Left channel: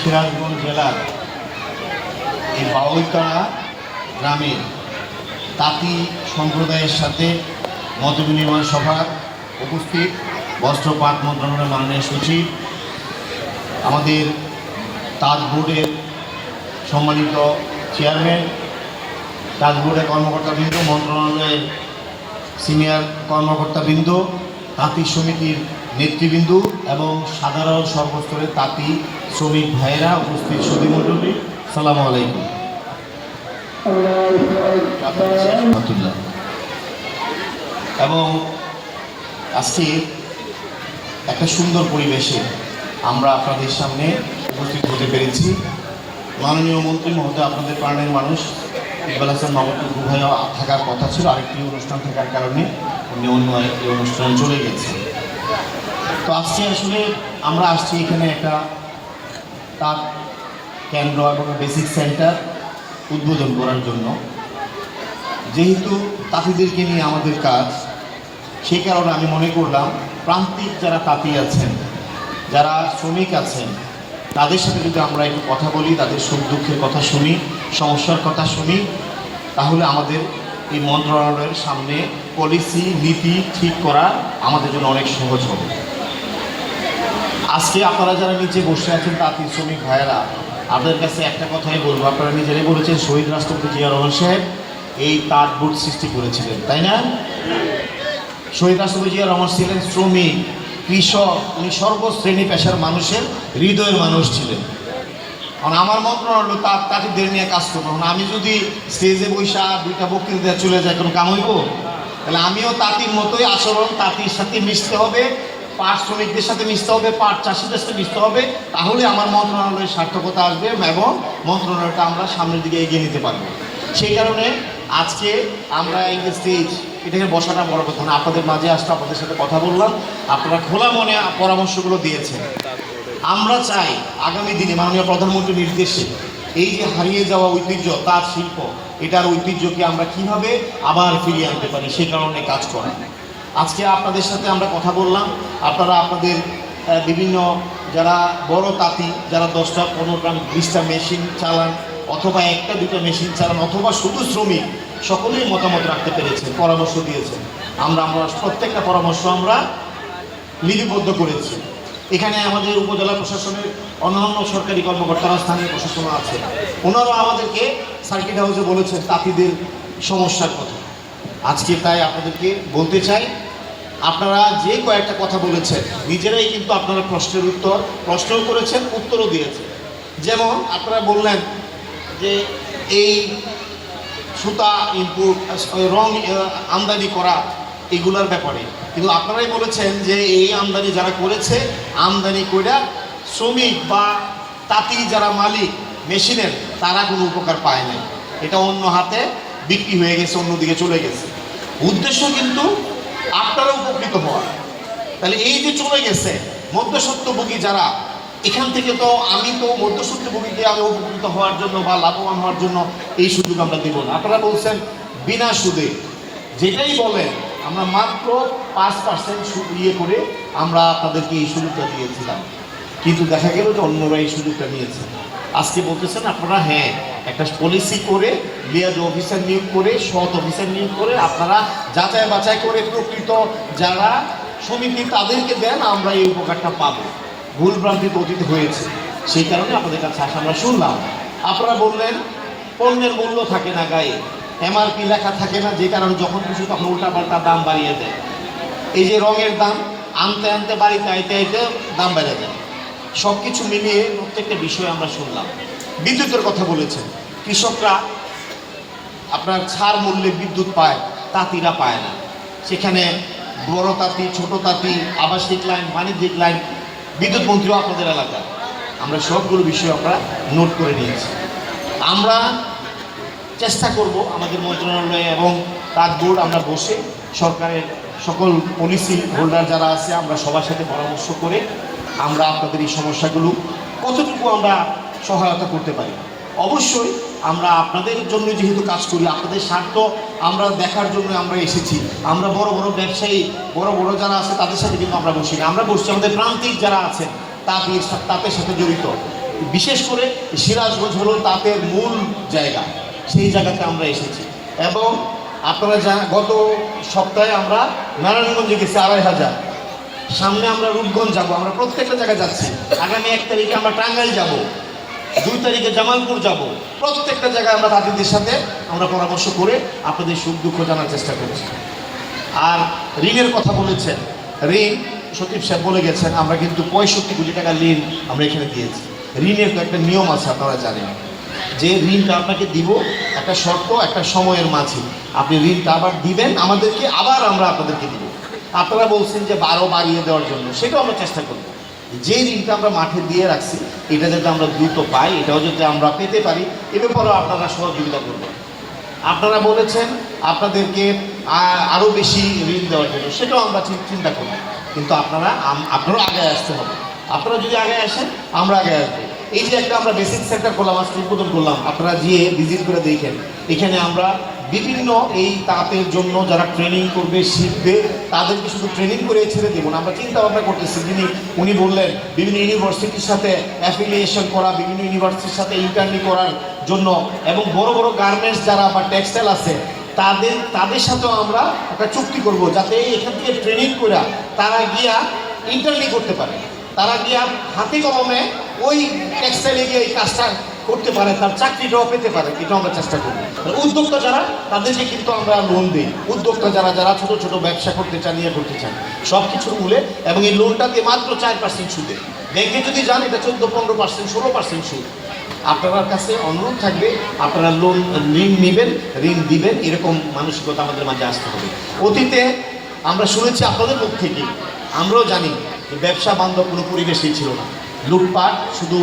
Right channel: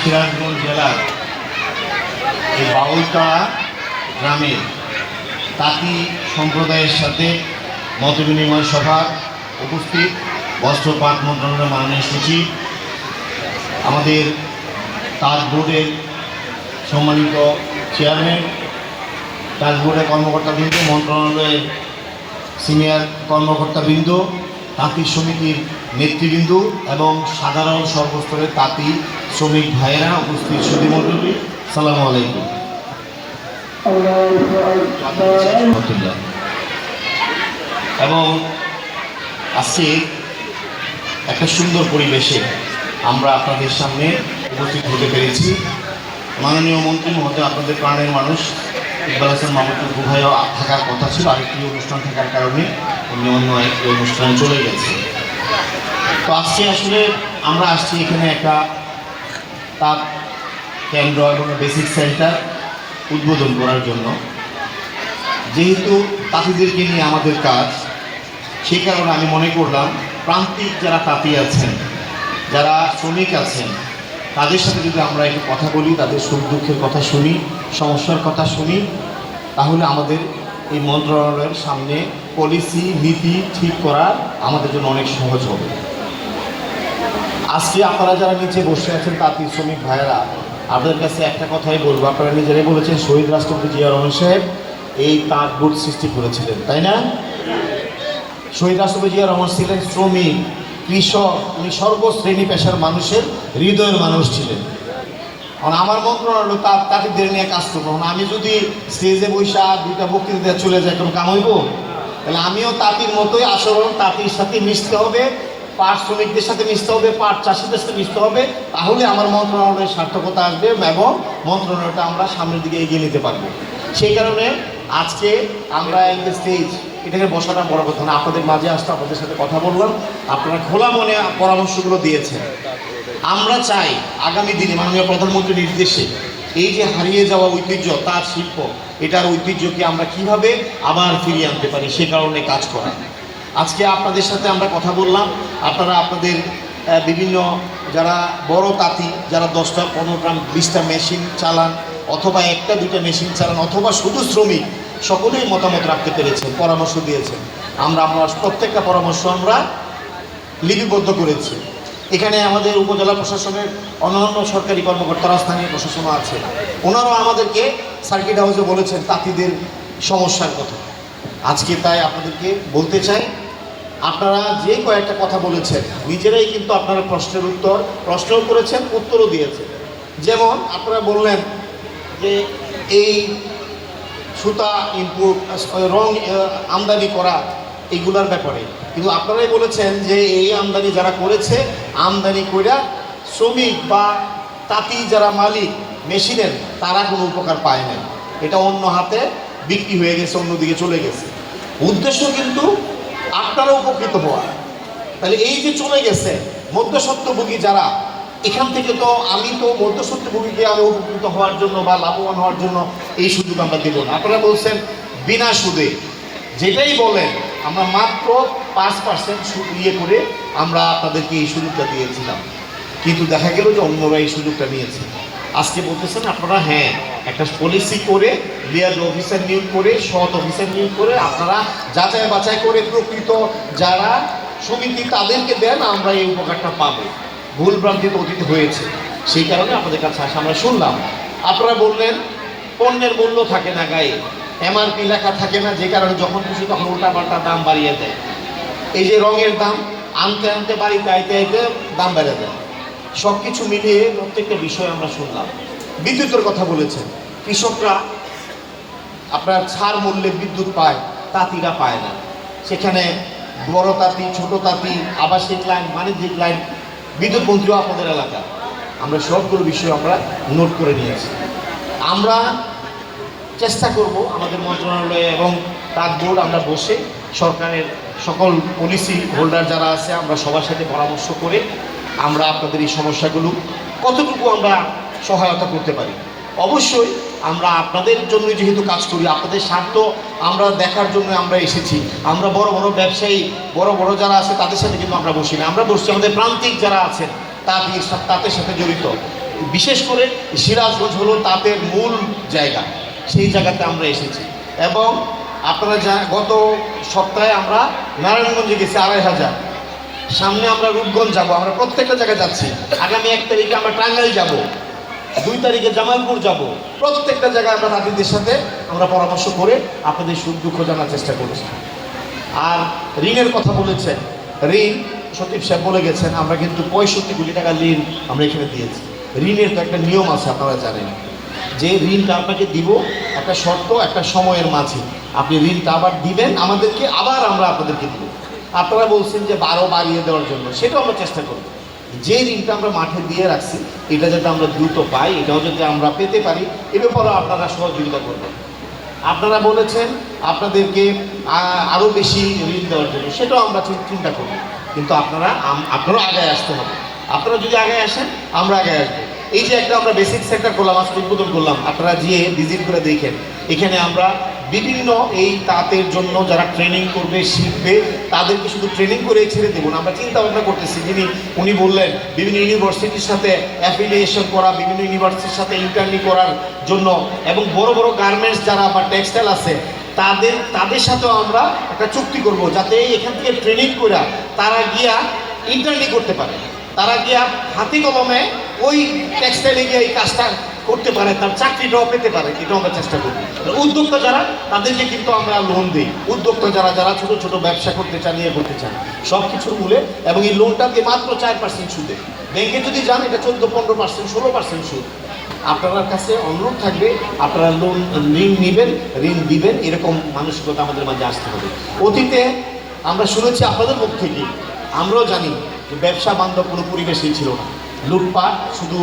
সিরাজগঞ্জ জেলার এই বাউলতলা গ্রামের তাঁতি সম্প্রদায়ের সাথে মতবিনিময় সভা উপস্থিত বস্ত্রপাট মন্ত্রণালয়ের মাননীয় সচিব, আমাদের তাঁত বোর্ডের সম্মানিত চেয়ারম্যান, তাঁত বোর্ডের কর্মকর্তাবৃন্দ, মন্ত্রণালয়ের সিনিয়র কর্মকর্তাবৃন্দ, তাঁতি সমিতির নেতৃবৃন্দ এবং সাধারণ সর্বস্তরের তাঁতি শ্রমিক ভাইরা উপস্থিত সুধীমণ্ডলী, সালামু আলাইকুম। এবং আজকে একটা সুন্দর পরিবেশে আমরা আপনাদের সামনে উপস্থিত হতে পেরেছি। মাননীয় মন্ত্রী মহোদয়, আপনাদের প্রাণের মানুষ ইকবাল হাসান মাহমুদ গুহায় থাকার কথা ছিল, আরেকটি অনুষ্ঠান থাকার কারণে উনি অন্য একটি অনুষ্ঠানে চলে গেছে। তো আজকে আসলে আমরা আসছি এখানে একটা তাঁত কেন্দ্র এবং বেসিক সেন্টার উদ্বোধন করার জন্য। যেহেতু তাঁতিদেরকে নিয়ে আমাদের কাজ, সেই কারণে আমি মনে করলাম প্রান্তিক যারা তাঁতি আছেন, যারা শ্রমিক আছেন, তাদের সাথে যদি আমরা একটু কথা বলি, তাদের সুখ দুঃখের কথা শুনি, সমস্যার কথা শুনি, তাহলে আমাদের এই মন্ত্রণালয়ের সামনে পলিসি নীতি ঠিক করা আমাদের জন্য অনেক সহজ হবে। আজকে আপনারা যারা নিচে বসে আছেন তাঁতি শ্রমিক ভাইয়েরা, আপনাদের কাছে একটা কথাই বলবো, আপনারা নিজেরাই বলেছেন শহীদ রাষ্ট্রপতি জিয়া রহমান সাহেব এই তাঁত বোর্ড সৃষ্টি করেছিলেন, তাই না? শহীদ রাষ্ট্রপতি জিয়া রহমান ছিলেন শ্রমিক, কৃষক, উনি সর্বশ্রেণী পেশার মানুষের হৃদয়ের মানুষ ছিলেন। কারণ আমার মন্ত্রণালয় তাঁতিদের নিয়ে কাজ করবো, আমি যদি স্টেজে বৈশা দুইটা বক্তৃতা চলে যায় কোনো কাম হইব? তাহলে আমিও তাঁতির মতোই আচরণ, তাঁতির সাথে মিশতে হবে, পাট শ্রমিকদের সাথে মিশতে হবে, পাট চাষিদের সাথে মিশতে হবে, তাহলে আমার মন্ত্রণালয়ের সার্থকতা আসবে এবং মন্ত্রণালয়টা আমরা সামনের দিকে এগিয়ে নিতে পারবো। সেই কারণে আজকে আমরা এই যে স্টেজ, এটাকে বসাটা বড় কথা না, আপনাদের মাঝে আসতে আপনাদের সাথে কথা বললাম, আপনারা খোলা মনে পরামর্শগুলো দিয়েছেন। আমরা চাই আগামী দিনে মাননীয় প্রধানমন্ত্রীর নির্দেশে এই যে হারিয়ে যাওয়া ঐতিহ্য তাঁত শিল্প, এটার ঐতিহ্যকে আমরা কিভাবে আবার ফিরিয়ে আনতে পারি, সে কারণে কাজ করা। আজকে আপনাদের সাথে আমরা কথা বললাম, আপনারা আপনাদের বিভিন্ন যারা বড় তাঁতি, যারা 10টা 15টা 20টা মেশিন চালান, অথবা একটা দুইটা মেশিন চালান, অথবা শুধু শ্রমিক, সকলেই মতামত রাখতে পেরেছেন, পরামর্শ দিয়েছেন। আমরা প্রত্যেকটা পরামর্শ আমরা লিপিবদ্ধ করেছি। এখানে আমাদের উপজেলা প্রশাসনের অন্যান্য সরকারি কর্মকর্তারা, স্থানীয় প্রশাসনও আছে, ওনারাও আমাদেরকে সার্কিট হাউসে বলেছেন তাঁতিদের সমস্যার কথা। আজকে তাই আপনাদেরকে বলতে চাই, আপনারা যে কয়েকটা কথা বলেছেন নিজেরাই কিন্তু আপনারা প্রশ্নও করেছেন, উত্তরও দিয়েছেন। যেমন আপনারা বললেন যে এই সুতা ইনপুট, রং আমদানি করা, এগুলোর ব্যাপারে, কিন্তু আপনারাই বলেছেন যে এই আমদানি যারা করেছে, আমদানি করে শ্রমিক বা তাঁতি যারা মালিক মেশিনের, তারা কোনো উপকার পায় নাই, এটা অন্য হাতে বিক্রি হয়ে গেছে, অন্যদিকে চলে গেছে। উদ্দেশ্য কিন্তু আপনারা উপকৃত হওয়া। তাহলে এই যে চলে গেছে মধ্যস্বত্বভোগী যারা, এখান থেকে তো আমি তো মধ্যস্বত্বভোগীকে আরও উপকৃত হওয়ার জন্য বা লাভবান হওয়ার জন্য এই সুযোগ আমরা দেব না। আপনারা বলছেন বিনা সুদে, যেটাই বলেন আমরা মাত্র 5% সুদ করে আমরা আপনাদেরকে এই সুযোগটা দিয়েছিলাম, কিন্তু দেখা গেল যে অন্যরা এই সুযোগটা নিয়েছে। আজকে বলতেছেন আপনারা হ্যাঁ একটা পলিসি করে, লিয়াজ অফিসার নিয়োগ করে, সৎ অফিসার নিয়োগ করে আপনারা যাচাই বাছাই করে প্রকৃত যারা সমিতি তাদেরকে দেন, আমরা এই উপকারটা পাবো। ভুল ভ্রান্তিতে অতীত হয়েছে, সেই কারণে আপনাদের কাছে আসা আমরা শুনলাম। আপনারা বললেন পণ্যের মূল্য থাকে না, গায়ে এমআরপি লেখা থাকে না, যে কারণে যখন কিছু তখন উল্টাপাল্টা দাম বাড়িয়ে দেয়। এই যে রঙের দাম আনতে আনতে বাড়িতে আইতে আইতে দাম বেড়ে যায়। সব কিছু মিলিয়ে প্রত্যেকটা বিষয় আমরা শুনলাম। বিদ্যুতের কথা বলেছেন, কৃষকরা আপনার ছাড় মূল্যে বিদ্যুৎ পায়, তাঁতিরা পায় না। সেখানে বড় তাঁতি, ছোট তাঁতি, আবাসিক লাইন, বাণিজ্যিক লাইন, বিদ্যুৎ মন্ত্রীও আপনাদের এলাকা, আমরা সবগুলো বিষয় আমরা নোট করে নিয়েছি। আমরা চেষ্টা করব আমাদের মন্ত্রণালয়ে এবং তাঁত বোর্ড আমরা বসে সরকারের সকল পলিসি হোল্ডার যারা আছে, আমরা সবার সাথে পরামর্শ করে আমরা আপনাদের এই সমস্যাগুলো কতটুকু আমরা সহায়তা করতে পারি। অবশ্যই আমরা আপনাদের জন্য যেহেতু কাজ করি, আপনাদের স্বার্থ আমরা দেখার জন্য আমরা এসেছি। আমরা বড় বড় ব্যবসায়ী, বড় বড় যারা আছে তাদের সাথে কিন্তু আমরা বসি না, আমরা বসছি আমাদের প্রান্তিক যারা আছেন তাদের সাথে জড়িত বিশেষ করে সিরাজগঞ্জ হলো তাঁতের মূল জায়গা, সেই জায়গাতে আমরা এসেছি। এবং আপনারা গত সপ্তাহে আমরা নারায়ণগঞ্জে গেছি 2500, সামনে আমরা রূপগঞ্জ যাব, আমরা প্রত্যেকটা জায়গায় যাচ্ছি। আগামী 1 তারিখে আমরা টাঙ্গাইল যাব, 2 তারিখে জামালপুর যাব। প্রত্যেকটা জায়গায় আমরা তাঁতিদের সাথে আমরা পরামর্শ করে আপনাদের সুখ দুঃখ জানার চেষ্টা করেছি। আর ঋণের কথা বলেছেন, ঋণ সতীব সাহেব বলে গেছেন, আমরা কিন্তু 65 কোটি টাকা ঋণ আমরা এখানে দিয়েছি। ঋণের তো একটা নিয়ম আছে, আপনারা জানেন যে ঋণটা আপনাকে দিব একটা শর্ত, একটা সময়ের মাঝে আপনি ঋণটা আবার দিবেন আমাদেরকে, আবার আমরা আপনাদেরকে দিব। আপনারা বলছেন যে 12 বাড়িয়ে দেওয়ার জন্য, সেটাও আমরা চেষ্টা করব। যে ঋণটা আমরা মাঠে দিয়ে রাখছি এটা যাতে আমরা দ্রুত পাই, এটাও যাতে আমরা পেতে পারি, এ ব্যাপারেও আপনারা সহযোগিতা করবেন। আপনারা বলেছেন আপনাদেরকে আরও বেশি ঋণ দেওয়ার জন্য, সেটাও আমরা চিন্তা করব। কিন্তু আপনারাও আগে আসতে হবে। আপনারা যদি আগে আসেন আমরা আগে আসবো। এই যে একটা আমরা বেসিক সেক্টর করলাম, আজকে উদ্বোধন করলাম, আপনারা গিয়ে ভিজিট করে দেখেন। এখানে আমরা বিভিন্ন এই তাঁতের জন্য যারা ট্রেনিং করবে, শিখবে, তাদেরকে শুধু ট্রেনিং করে ছেড়ে দেবো না। আমরা চিন্তা ভাবনা করতেছি, উনি বললেন বিভিন্ন ইউনিভার্সিটির সাথে অ্যাফিলিয়েশন করা, বিভিন্ন ইউনিভার্সিটির সাথে ইন্টার্নি করার জন্য, এবং বড় বড় গার্মেন্টস যারা বা টেক্সটাইল আছে তাদের সাথেও আমরা একটা চুক্তি করব, যাতে এখান থেকে ট্রেনিং করে তারা গিয়া ইন্টার্নি করতে পারে, তারা গিয়া হাতে কলমে ওই টেক্সটাইলে গিয়ে এই কাজটা করতে পারে, তার চাকরিটাও পেতে পারে। এটাও আমরা চেষ্টা করি। উদ্যোক্তা যারা, তাদেরকে কিন্তু আমরা লোন দিই। উদ্যোক্তা যারা ছোট ছোট ব্যবসা করতে চান, নিয়ে করতে চান, সব কিছুর মূলে, এবং এই লোনটা দিয়ে মাত্র 4% সুদে। ব্যাংকে যদি যান এটা 14-15%, 16% সুদ। আপনার কাছে অনুরোধ থাকবে, আপনারা ঋণ নেবেন, ঋণ দিবেন, এরকম মানসিকতা আমাদের মাঝে আসতে হবে। অতীতে আমরা শুনেছি আপনাদের মুখ থেকে, আমরাও জানি যে ব্যবসা বান্ধব কোনো পরিবেশই ছিল না। লুটপাট শুধু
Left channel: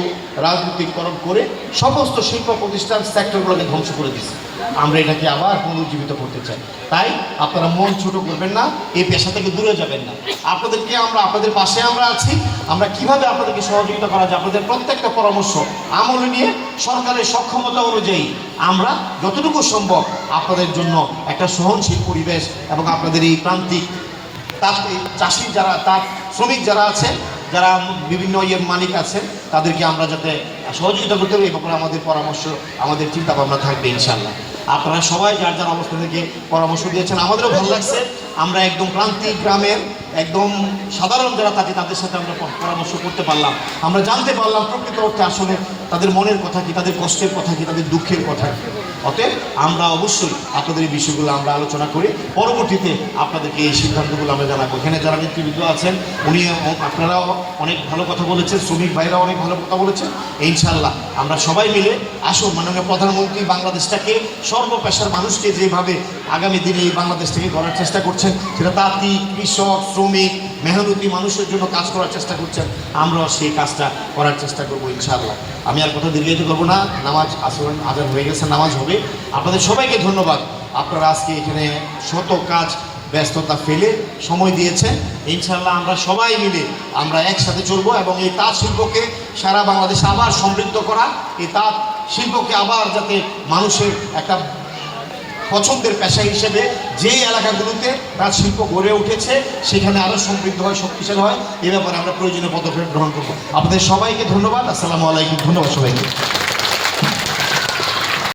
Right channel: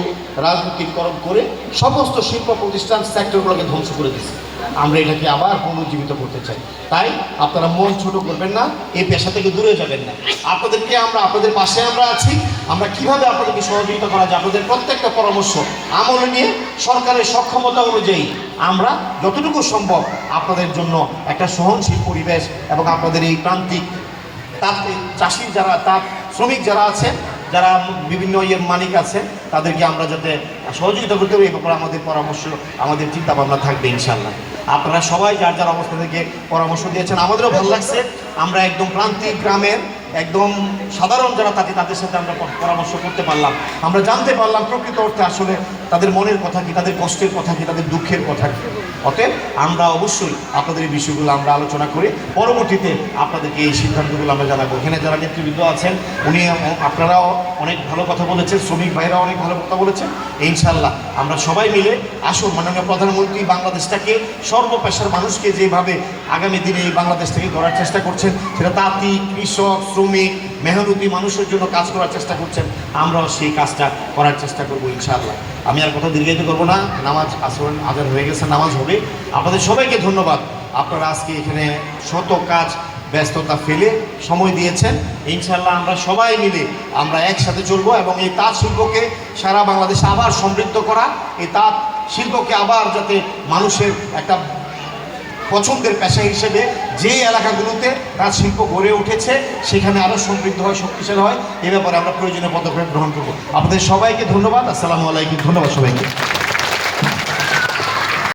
রাজনৈতিককরণ করে সমস্ত শিল্প প্রতিষ্ঠান সেক্টরগুলোকে ধ্বংস করে দিচ্ছে। আমরা এটাকে আবার পুনর্জীবিত করতে চাই। তাই আপনারা মন ছোট করবেন না, এই পেশা থেকে দূরে যাবেন না। আপনাদের পাশে আমরা আছি। আমরা কিভাবে আপনাদেরকে সহযোগিতা করা যায়, আপনাদের প্রত্যেকটা পরামর্শ আমলে নিয়ে সরকারের সক্ষমতা অনুযায়ী আমরা যতটুকু সম্ভব আপনাদের জন্য একটা সহনশীল পরিবেশ, এবং আপনাদের এই প্রান্তিক চাষি যারা, তার শ্রমিক যারা আছেন, যারা বিভিন্ন মালিক আছেন, তাদেরকে আমরা যাতে সহযোগিতা করতে পারি, এই ব্যাপারে আমাদের পরামর্শ, আমাদের চিন্তা ভাবনা থাকবে ইনশাআল্লাহ। আপনারা সবাই যার অবস্থা থেকে পরামর্শ দিয়েছেন, আমাদেরও ভালো লাগছে। আমরা একদম প্রান্তিক গ্রামের একদম সাধারণ যারা তাদের সাথে আমরা পরামর্শ করতে পারলাম। আমরা জানতে পারলাম প্রকৃত অর্থে আসলে তাদের মনের কথা কি, তাদের কষ্টের কথা কি, তাদের দুঃখের কথা কি। ওকে, আমরা অবশ্যই আপনাদের এই বিষয়গুলো আমরা আলোচনা করি, পরবর্তীতে আপনাদেরকে এই সিদ্ধান্তগুলো আমরা জানাবো। এখানে যারা নেতৃবৃন্দ আছেন, আপনারাও অনেক ভালো কথা বলেছেন, শ্রমিক ভাইরা অনেক ভালো কথা বলেছেন। ইনশাআল্লাহ আমরা সবাই মিলে আসুন, মাননীয় প্রধানমন্ত্রী বাংলাদেশটাকে, সর্বপেশার মানুষকে যেভাবে আগামী দিনে এই বাংলাদেশটাকে গড়ার চেষ্টা করছেন, সেটা তাঁতি, কৃষক, শ্রমিক, মেহনতি মানুষের জন্য কাজ করার চেষ্টা করছেন, আমরাও সেই কাজটা করার চেষ্টা করবো ইনশাআল্লাহ। আমি আর কথা দীর্ঘায়িত করবো না, নামাজ আজান হয়ে গেছে, নামাজ হবে। আপনাদের সবাইকে ধন্যবাদ। আপনারা আজকে এখানে শত কাজ ব্যস্ততা ফেলে সময় দিয়েছেন। ইনশাআল্লাহ আমরা সবাই মিলে আমরা একসাথে চলবো, এবং এই তাঁত শিল্পকে সারা বাংলাদেশে আবার সমৃদ্ধ করা, এই তাঁত শিল্পকে আবার যাতে মানুষের একটা পছন্দের পেশা হিসেবে যে এলাকাগুলোতে তাঁত শিল্প গড়ে উঠেছে সেখানে আরও সমৃদ্ধ হয়, শক্তিশালী হয়, এ ব্যাপারে আমরা প্রয়োজনীয় পদক্ষেপ গ্রহণ করবো। আপনাদের সবাইকে ধন্যবাদ। আসসালামু আলাইকুম। ধন্যবাদ সবাইকে।